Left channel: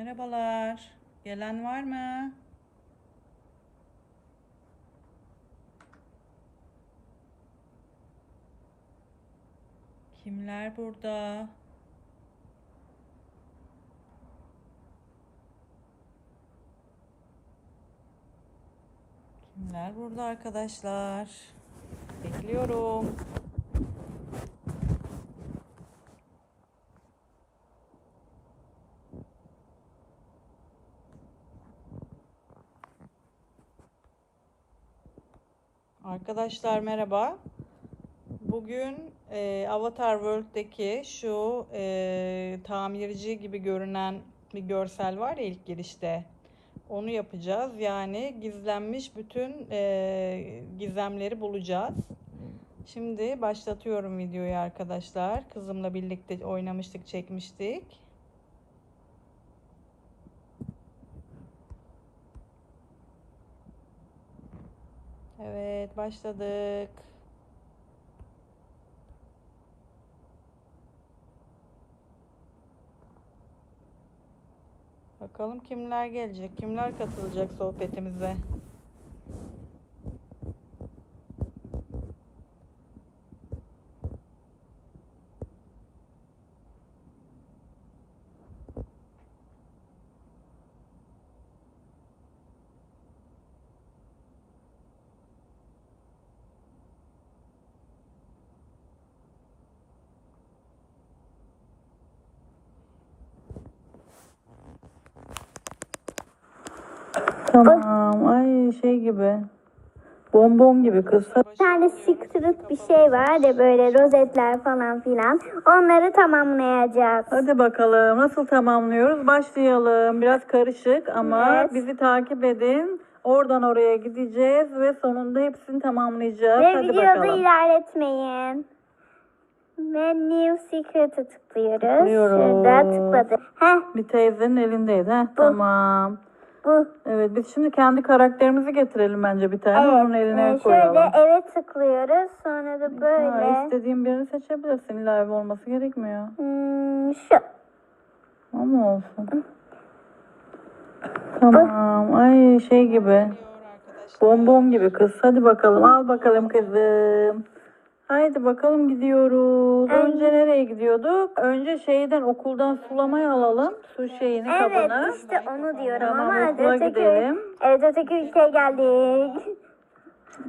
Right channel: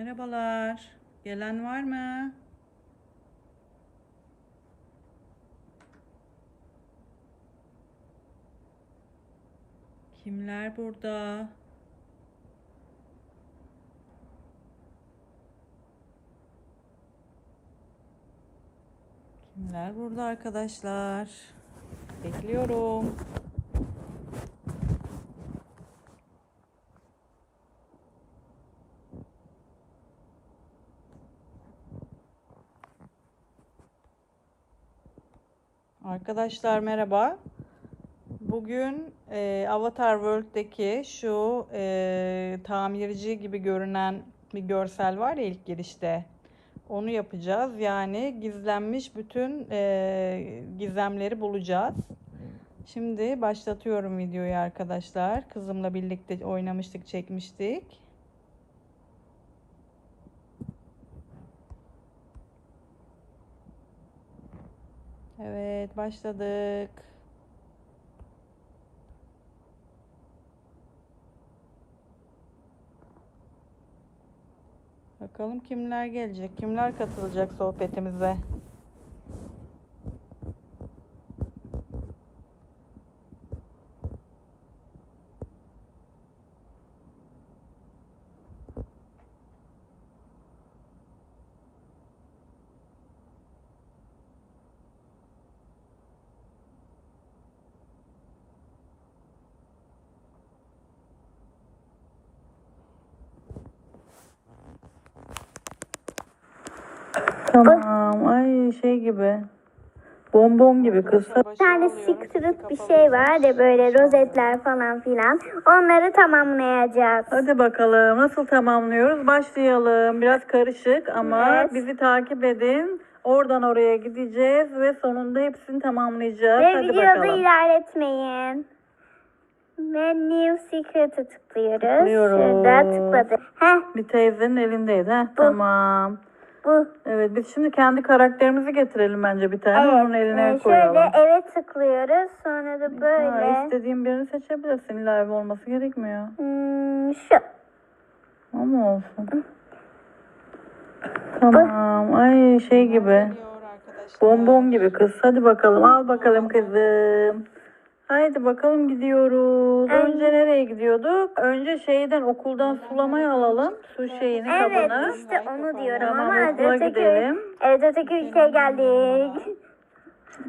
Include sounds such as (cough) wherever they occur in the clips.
Merhabalar. Gelen var mı? Kimler burada? Kimler burada arkadaşlar? Bekliyorum. Arkadaşlar merhaba. Bugün e, Avatar World'deki şu e, tamirci gibi görünen bir görsel var ya ilk girişte. Onu yapacağız. Yani gizlenmiş bütün e, gizemleri bulacağız. Şimdi başlatıyorum videoyu arkadaşlar. Kızımla birlikte oynamıştık, çekmiştik. Evet, başladık. Bakalım kimler gelecek, kimler katılacak sohbetimize. Tamam, ay şey gibi. Bonbon gibi kız. Bir tane secret bir şey var ya böyle rozetler falan filan. Onları tamamlayacağız. Hadi bakalım nasıl tamamlıyoruz? Başlayalım. Biraz karışık ama Evet. bizi takip edin. Oradan oraya gideceğiz ve sonunda hepsini tamamlayacağız. Ve Hadi videoda bakalım. ilerletmeyin. Ve New Secret'ı tıklıyoruz. Tıklıyoruz. Şurada tıkladı. Heh Bir teyzenin elindeydi. Heh, tamam. Bu. Evet biz şimdi kendi karakterimizi getirelim bence bir tane. Onun eline Ee, koyalım. Şöyle eve tıklıyoruz. Sonra da Ha, böyle. istediğin birini seçebilirsin. İlla ev olması gerekmiyor. Hmm, şu. O mu olsun? Tamam. Ay şey gibi. Bonbon gibi kız. Hadi bakalım. Al bakalım kızım. Haydi bakalım gidiyoruz. Önce nereye gidiyorduk? Önce şeyden okuldan sulamayı alalım. Su şeyini Evet kabını. işte onu diyorum Tamam ama okula öteki, gidelim. evet öteki ülkeye geldik.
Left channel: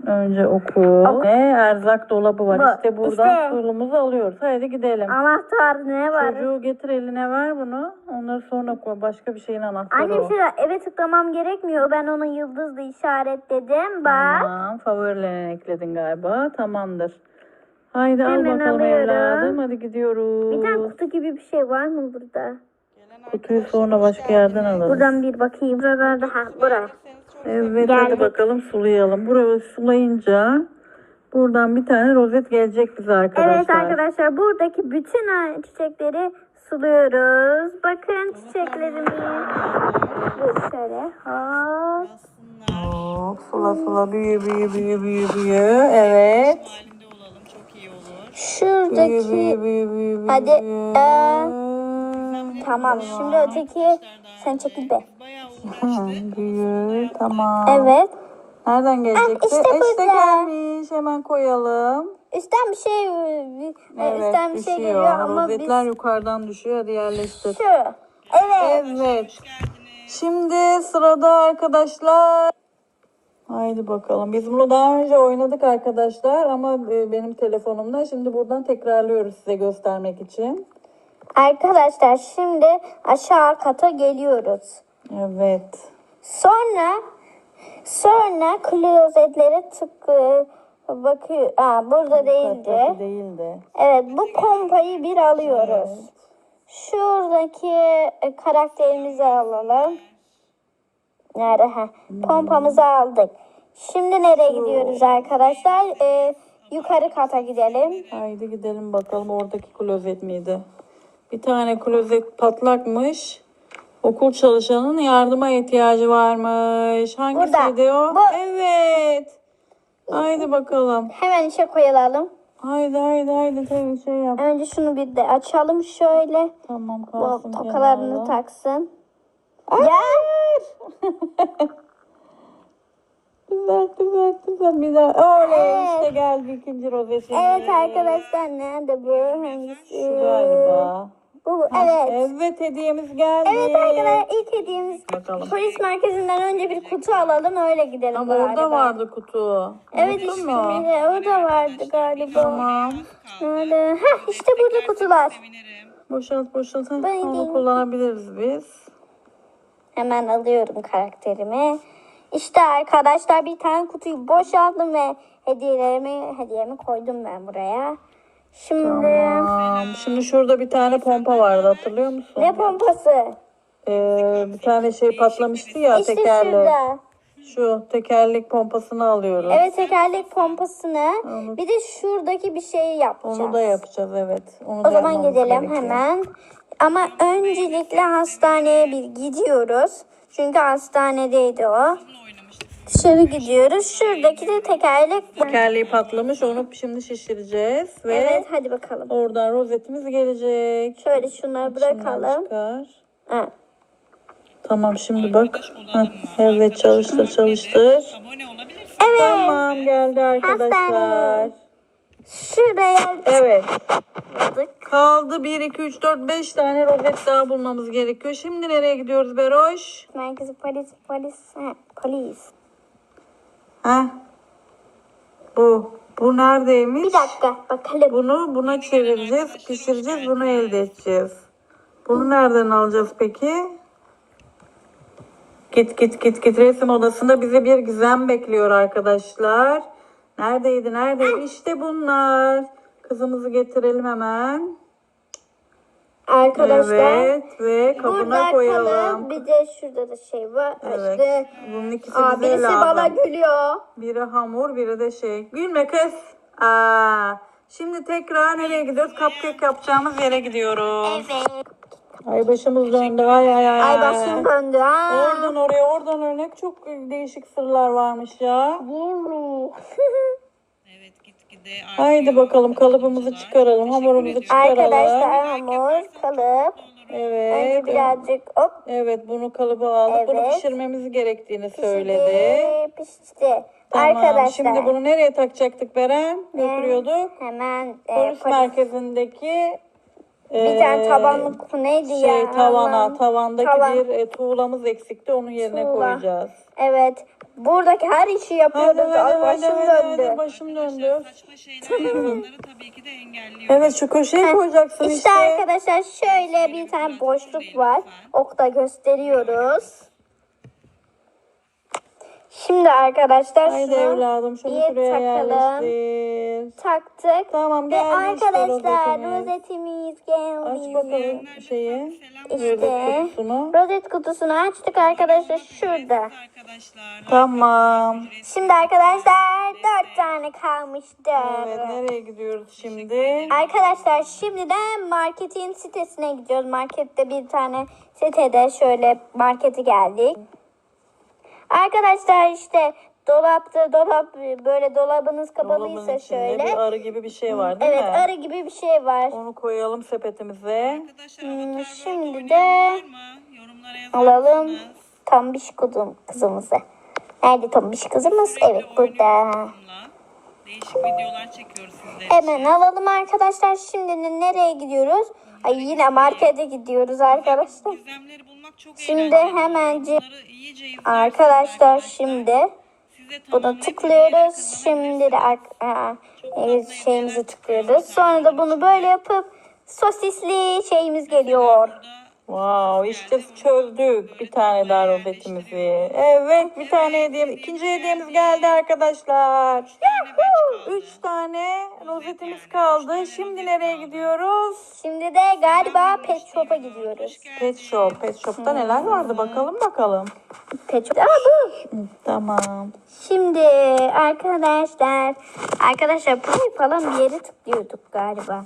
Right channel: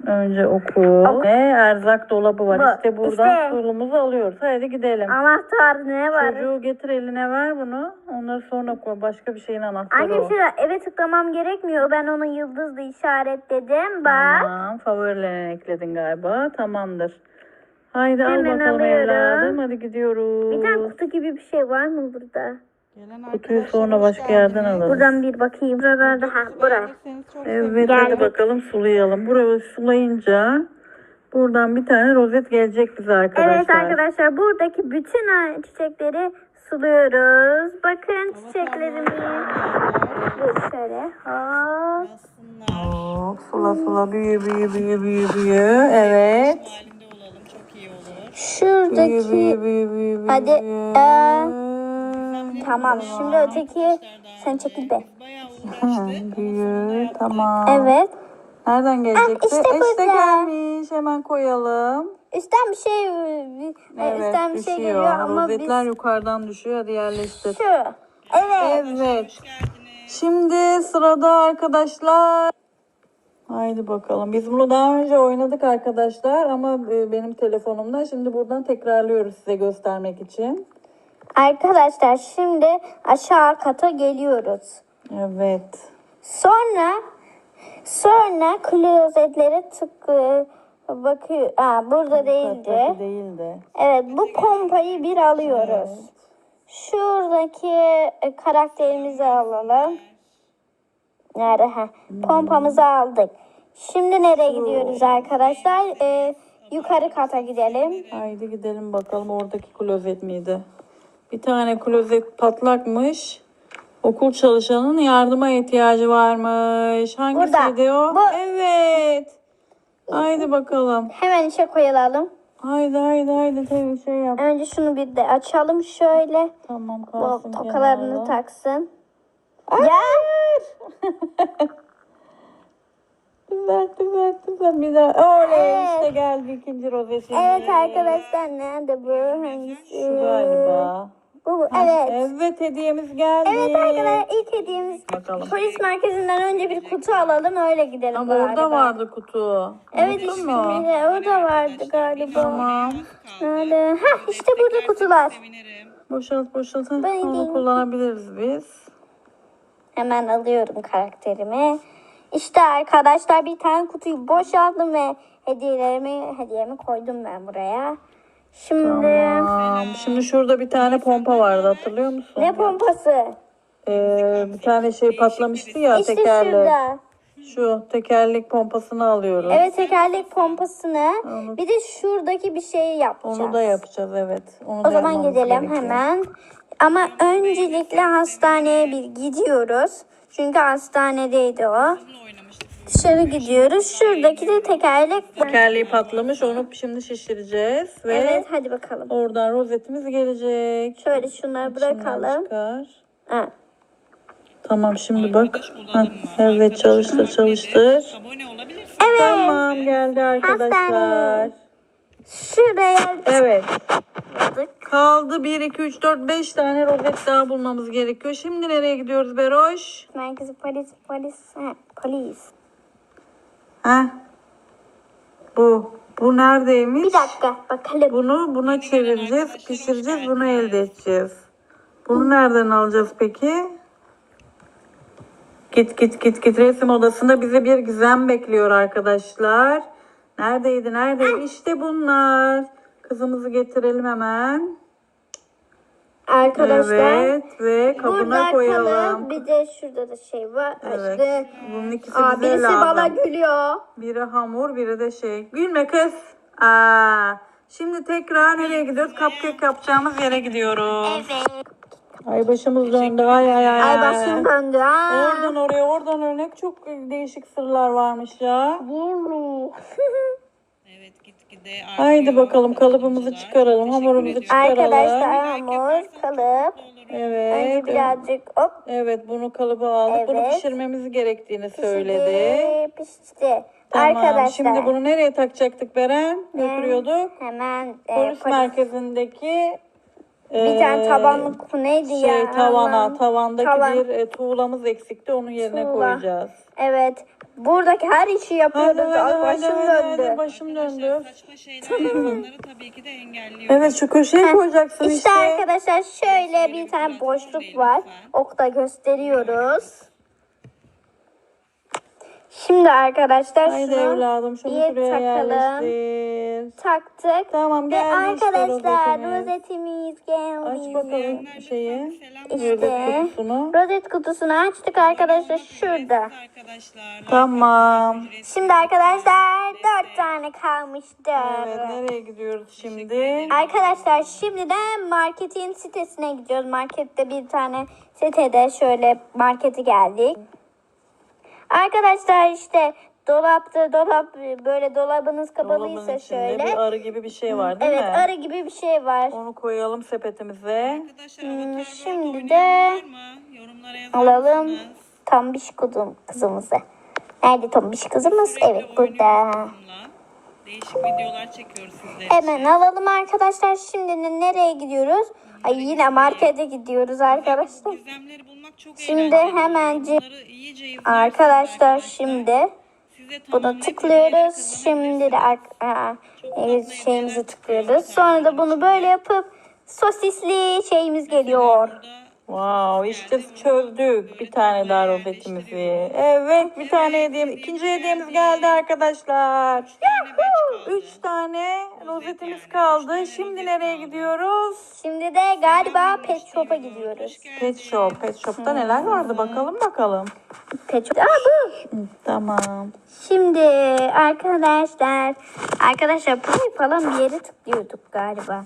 Önce okul. Ne? Erzak dolabı var. Bu, İşte buradan işte. suyumuzu alıyoruz. Haydi gidelim. Anahtar ne var? Çocuğu getir eline ver bunu. Onları sonra koy. Başka bir şeyin anahtarı Annem o. şu eve tıklamam gerekmiyor. Ben onu yıldızla işaretledim. Bak. Tamam. Favorilerine ekledin galiba. Tamamdır. Haydi al Hemen bakalım alıyorum. evladım. Hadi gidiyoruz. Bir tane kutu gibi bir şey var mı burada? Kutuyu sonra başka yerden alırız. Buradan bir bakayım. Buralarda ha buraya. Evet hadi Geldik. bakalım sulayalım. Burayı sulayınca buradan bir tane rozet gelecek bize arkadaşlar. Evet arkadaşlar buradaki bütün ha- çiçekleri suluyoruz. Bakın çiçeklerimiz. Şöyle. Hop. Hop, Sula sula büyü büyü büyü büyü büyü. Evet. çok iyi olur. Büyü Şuradaki büyü büyü büyü büyü. Hadi, ee, tamam şimdi öteki sen çekil be. Bayağı uğraştık. Büyü tamam. Evet. Nereden gelecekti? işte burada. gelmiş. Hemen koyalım. Üstten bir şey Evet üstten bir şey geliyor ama biz Rozetler yukarıdan düşüyor. Hadi yerleştir. şu. Evet. Evet. Şimdi sırada arkadaşlar. Haydi bakalım. Biz bunu daha önce oynadık arkadaşlar ama e, benim telefonumda. Şimdi buradan tekrarlıyoruz size göstermek için. Arkadaşlar şimdi aşağı kata geliyoruz. Evet. Sonra sonra klozetlere tık bakıyor. Aa, burada değildi. Kattaki değildi. Evet bu pompayı bir alıyoruz. Şuradaki e, karakterimizi alalım. Nerede? Ha. Pompamızı aldık. Şimdi nereye gidiyoruz arkadaşlar? Ee, yukarı kata gidelim. Haydi gidelim bakalım oradaki klozet miydi? Bir tane klozet patlakmış. Okul çalışanının yardıma ihtiyacı varmış. Hangisiydi o? Bu. Evet. Haydi bakalım. Hemen işe koyalım. Haydi haydi haydi tabii şey yap. Önce şunu bir de açalım şöyle. Tamam Bu kalsın tokalarını kenarda. taksın. Hayır. (laughs) güzel güzel. Bir daha. Oley Evet. işte geldi ikinci rozetimiz. Evet arkadaşlar nerede bu? Hangisi? Şu galiba. Bu, bu, evet. Evet hediyemiz geldi. Evet arkadaşlar ilk hediyemiz Bakalım. polis merkezinden önce bir kutu alalım öyle gidelim Ama galiba. orada vardı kutu. Evet Unuttun işte mu? bir de o da vardı galiba. Tamam. Nerede? Hah işte burada kutular. Sevinirim. Boşalt boşalt. Ben Onu kullanabiliriz biz. Hemen alıyorum karakterimi. İşte arkadaşlar bir tane kutuyu boşalttım ve hediyelerimi hediyemi koydum ben buraya. Şimdi Tamam. Şimdi şurada bir tane pompa vardı hatırlıyor musun? ne pompası? Ee, bir tane şey patlamıştı ya İşte tekerlek. şurada. Şu tekerlek pompasını alıyoruz. Evet tekerlek pompasını. Bir de şuradaki bir şeyi yapacağız. Onu da yapacağız evet. Onu O da zaman yapmamız gidelim gerekiyor. hemen. Ama öncelikle hastaneye bir gidiyoruz. Çünkü hastanedeydi o. Dışarı gidiyoruz. Şuradaki de tekerlek. Tekerleği patlamış onu şimdi şişireceğiz ve Evet hadi bakalım. oradan rozetimiz gelecek. Şöyle şunları İçinden bırakalım. çıkar. Ha. Tamam şimdi bak. Arkadaş olalım Heh, mı? evet Arkadaş çalıştır olmak çalıştır. nedir? Abone olabilirsin. Tamam geldi arkadaşlar. Hastane. Şuraya Evet. Kaldı 1, 2, 3, 4, 5 tane rozet daha bulmamız gerekiyor. Şimdi nereye gidiyoruz Beroş? Merkezi polis polis. Ha, polis. Heh. Bu. Bu neredeymiş? Bir dakika bakalım. Bunu buna çevireceğiz, pişireceğiz, bunu elde edeceğiz. Bunu nereden alacağız peki? Git git git git resim odasında bizi bir gizem bekliyor arkadaşlar. Neredeydi neredeydi? İşte bunlar. Kızımızı getirelim hemen. Arkadaşlar. Evet ve kabına Burada koyalım. kalın. Bir de şurada da şey var. Evet. İşte. Bunun ikisi Aa, bize birisi lazım. bana gülüyor. Biri hamur, biri de şey. Gülme kız. Aa, şimdi tekrar nereye gidiyoruz? Cupcake yapacağımız yere gidiyoruz. Evet. Ay başımız döndü. Ay ay ay. Ay başım döndü. Ha. Oradan oraya, oradan örnek çok değişik sırlar varmış ya. Değil mi? (laughs) Evet gitgide artıyor. Haydi bakalım kalıbımızı çıkaralım, Teşekkür hamurumuzu ediyorum. çıkaralım. Arkadaşlar hamur kalıp. Evet. Önce birazcık hop Evet bunu kalıba aldık. Bunu Evet. pişirmemiz gerektiğini söyledi. pişti. Pişti. Tamam. Arkadaşlar. Şimdi bunu nereye takacaktık Beren? Götürüyorduk. Hemen e, Polis polis- merkezindeki bir tane e, tabanlık neydi ya? şey tavana, Allah'ım. tavandaki Tavan. bir e, tuğlamız eksikti. Onun yerine Tuğla. koyacağız. Evet. Buradaki her işi Hadi yapıyorduk. hadi hadi başım hadi, döndü. hadi, başım döndü. Saçma şeyler yapanları tabii ki de engelliyoruz. Evet şu köşeye koyacaksın İşte işte. arkadaşlar şöyle bir tane boşluk var. lütfen. Okta gösteriyoruz. Şimdi arkadaşlar Haydi şunu evladım şunu bir şuraya takalım. yerleştir. taktık. Tamam Ve geldi işte arkadaşlar rozetimiz. rozetimiz Aç geldi. bakalım şeyi. selam İşte. verin. Kutusunu. Rozet kutusunu açtık arkadaşlar şurada. ücretsiz Arkadaşlar. Tamam. Ücretsiz. Şimdi arkadaşlar dört tane kalmıştı. Evet nereye gidiyoruz şimdi? Arkadaşlar şimdi de marketin sitesine gidiyoruz. Markette bir tane sitede şöyle markete geldik. Arkadaşlar işte dolapta dolap böyle dolabınız kapalıysa Dolabın içinde şöyle. bir arı gibi bir şey var değil Evet mi? arı gibi bir şey var. Onu koyalım sepetimize. Arkadaşlar Avatar World şimdi de var mı? Yorumlara yazar Alalım mısınız? tombiş kızım, kızımızı. Nerede tombiş kızımız? Sürekli Evet burada. bununla. Değişik videolar çekiyoruz sizler Hemen için. alalım arkadaşlar. Şimdi ne- nereye gidiyoruz? Ay yine markete gidiyoruz arkadaşlar. gizemleri bulmak çok Şimdi eğlenceli Bunları iyice izlerseniz Arkadaşlar şimdi size buna tamamlayıp tıklıyoruz. Şimdi de kazanabilirsiniz. ar- aa, Çok şeyimizi hediyeler tıklıyoruz. çıkıyor Sonra da bunu böyle yapıp sosisli şeyimiz geliyor. Burada Wow işte geldi, çözdük bir tane daha rozetimizi. Evet bir tane Evet, hediyemiz ikinci hediyemiz geldi. geldi arkadaşlar. üç tane kaldı. Üç tane rozetimiz yani, kaldı. tane Şimdi nereye kaldı. gidiyoruz? Şimdi de galiba pet shop'a gidiyoruz. Pet Shop. Pet Shop'ta neler vardı bakalım bakalım. Pet shop. Aa bu. Tamam. Şimdi arkadaşlar arkadaşlar burayı falan bir yere tıklıyorduk galiba.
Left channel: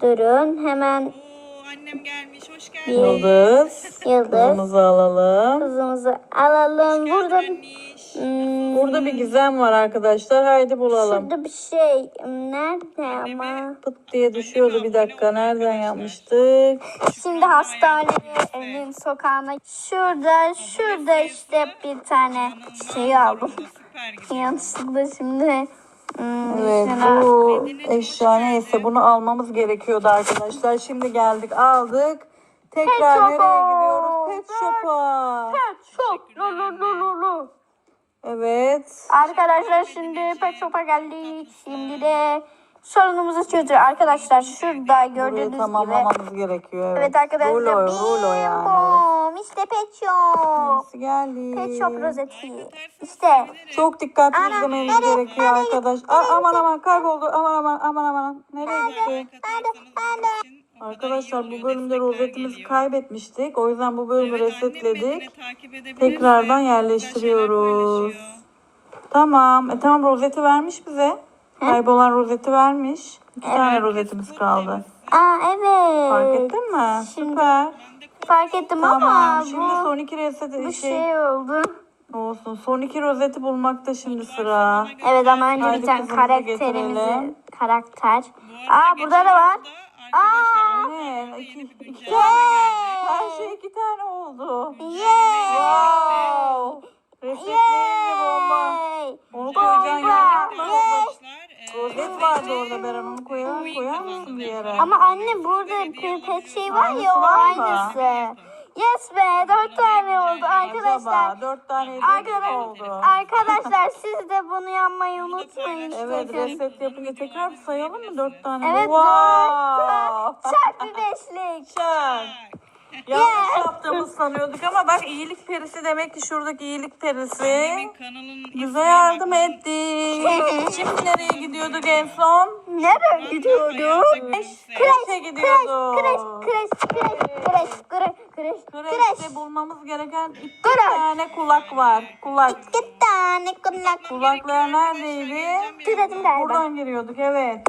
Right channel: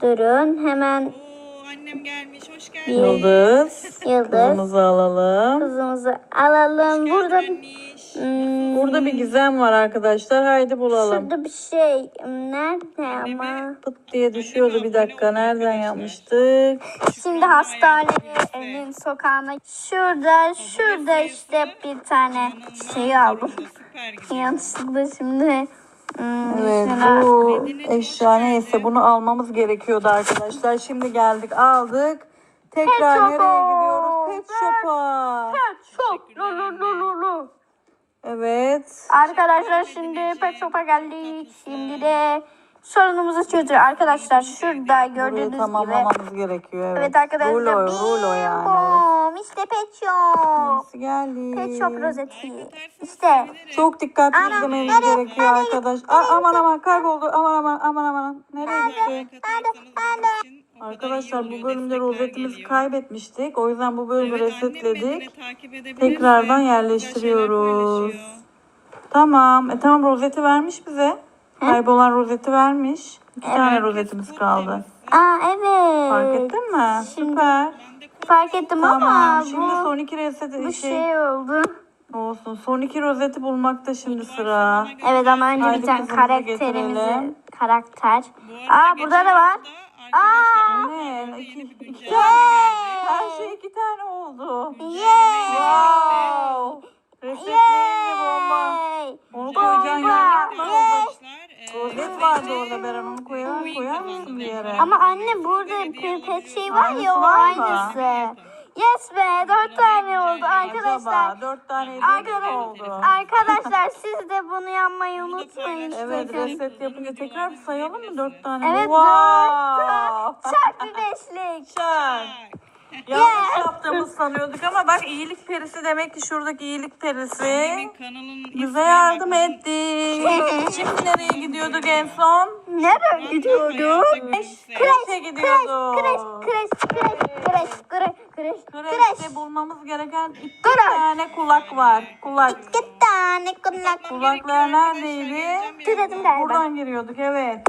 Durun hemen Oo, annem gelmiş. Hoş geldin. Yıldız. (laughs) Yıldız. Kızımızı alalım. Kızımızı alalım. Burada anniş. Hmm, Burada bir gizem var arkadaşlar. Haydi bulalım. şurada bir şey. Nerede ama? Pıt diye düşüyordu bir dakika. Nereden. Şimdi yapmıştık? Şükran'ın hayatı hastanenin sokağına şurada şurada işte bir tane İnanılmaz şey aldım. durumda, Süper gidiyor. Yanlışlıkla şimdi hmm, Evet bu Medine, eşya neyse bunu almamız gerekiyordu arkadaşlar. Şimdi geldik aldık. Tekrar Pet nereye shop'a. gidiyoruz? Pet shop'a. Çok lo lo lo lo lo. Evet. Arkadaşlar şimdi Pet Shop'a geldik. Şimdi de sorunumuzu çözüyor. Arkadaşlar şurada Burayı gördüğünüz gibi. tamamlamamız gerekiyor. Evet, Evet arkadaşlar. Rulo, rulo yani. Bim, İşte Pet Shop. Nasıl geldi? Pet Shop rozeti. İşte. Çok dikkatli Ana, izlemeniz nereye, gerekiyor arkadaş. Aa, aman aman kayboldu. Aman aman aman aman. Nereye gitti? Arkadaşlar bu bölümde rozetimizi kaybetmiştik. O yüzden bu bölümü resetledik. Tekrardan yerleştiriyoruz. Tamam. E tamam rozeti vermiş bize. Kaybolan rozeti vermiş. İki tane rozetimiz kaldı. Aa evet. Fark ettin mi? Şimdi- Süper. Fark ettim ama Tamam. Şimdi bu, son iki reset bu şey, şey oldu. olsun. Son iki rozeti bulmakta şimdi sıra. Evet ama önce Haydi bir tane kızımızı karakterimizi getirelim. karakter. Bu Aa burada da var. Arkadaşlar Ne? İki- iki geldi. Her şey iki tane oldu. Wow. Resetleyici bomba. Yay! Onu Bomba. koyacaksın Birlikte yanına. Arkadaşlar. Rozet vardı orada Beren onu koyar, koyar kazandı mısın bir yani. yere? Ama anne burada bir pet şey var ya o Aynısı var mı? aynısı. Yes be dört tane oldu arkadaşlar. Acaba dört tane Arkadaş- hediye oldu. Arkadaşlar (laughs) siz de bunu yapmayı unutmayın. Evet sakın. reset yapınca tekrar sayalım mı dört tane? Evet, wow. Çak bir beşlik. Çak. Yanlış yaptığımızı sanıyorduk ama bak iyilik perisi demek ki şuradaki iyilik perisi Annemin kanalının bize ismine yardım bakın. etti. Şimdi nereye gidiyorduk en son? Nereye gülümse. Kreşe gidiyorduk. Kreş, kreş, kreş, kreş, kreş, kreş, kreş. Kreşte bulmamız gereken iki Kreş. tane kulak var. Kulak. İki tane kulak. Kulaklar neredeydi? Birazdan. galiba. Buradan giriyorduk evet.